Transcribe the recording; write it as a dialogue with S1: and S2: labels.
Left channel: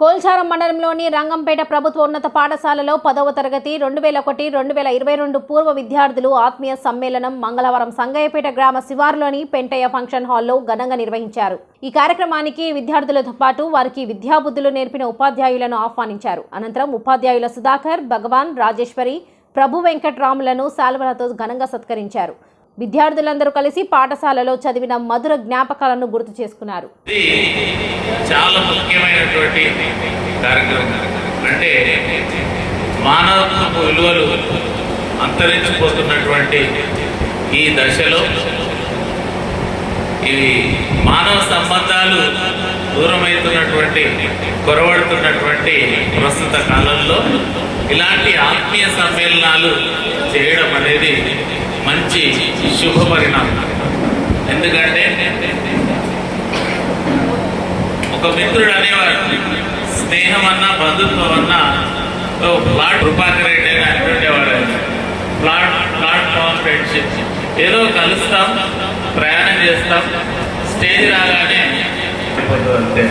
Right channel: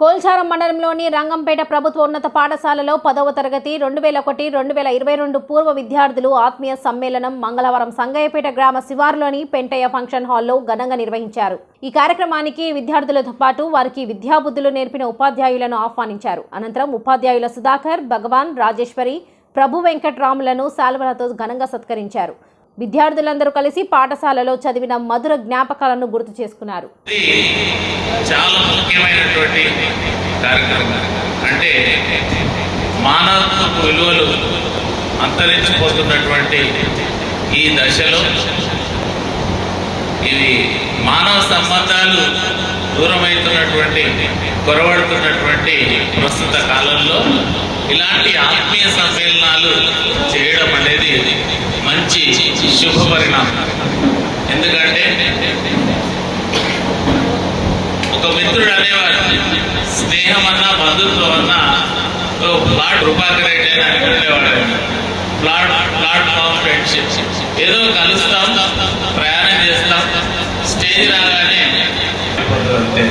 S1: కోల్చారం మండలంలోని రంగంపేట ప్రభుత్వ ఉన్నత పాఠశాలలో పదవ తరగతి రెండు వేల ఒకటి రెండు వేల ఇరవై రెండు పూర్వ విద్యార్థులు ఆత్మీయ సమ్మేళనం మంగళవారం సంగయ్యపేట గ్రామ శివారులోని పెంటయ్య ఫంక్షన్ హాల్లో ఘనంగా నిర్వహించారు. ఈ కార్యక్రమానికి విద్యార్థులతో పాటు వారికి విద్యాబుద్ధులు నేర్పిన ఉపాధ్యాయులను ఆహ్వానించారు. అనంతరం ఉపాధ్యాయుల సుధాకర్ భగవాన్ రాజేశ్వరి ప్రభు వెంకట్రాములను శాల్వలతో ఘనంగా సత్కరించారు. విద్యార్థులందరూ కలిసి పాఠశాలలో చదివిన మధుర జ్ఞాపకాలను గుర్తు చేసుకున్నారు.
S2: చాలా ముఖ్యమైనటువంటి కార్యక్రమం. అంటే మానవత్వపు విలువలు అంతరించిపోతున్నటువంటి ఈ దశలో ఇవి మానవ సంబంధాలు దూరమవుతున్నటువంటి కొరవడుతున్నటువంటి ప్రస్తుత కాలంలో ఇలాంటి ఆత్మీయ సమ్మేళనాలు చేయడం అనేది మంచి శుభ పరిణామం ఎందుకంటే ఒక మిత్రుడు అనేవాడు స్నేహం అన్నా బంధుత్వం అన్నా ప్లాట్ రూపాకర్ రెడ్డి అని ఆయన ప్లాట్ ప్లాట్ఫామ్ ఫ్రెండ్షిప్ ఏదో కలుస్తాం ప్రయాణం చేస్తాం స్టేజ్ రాగానే అంతే.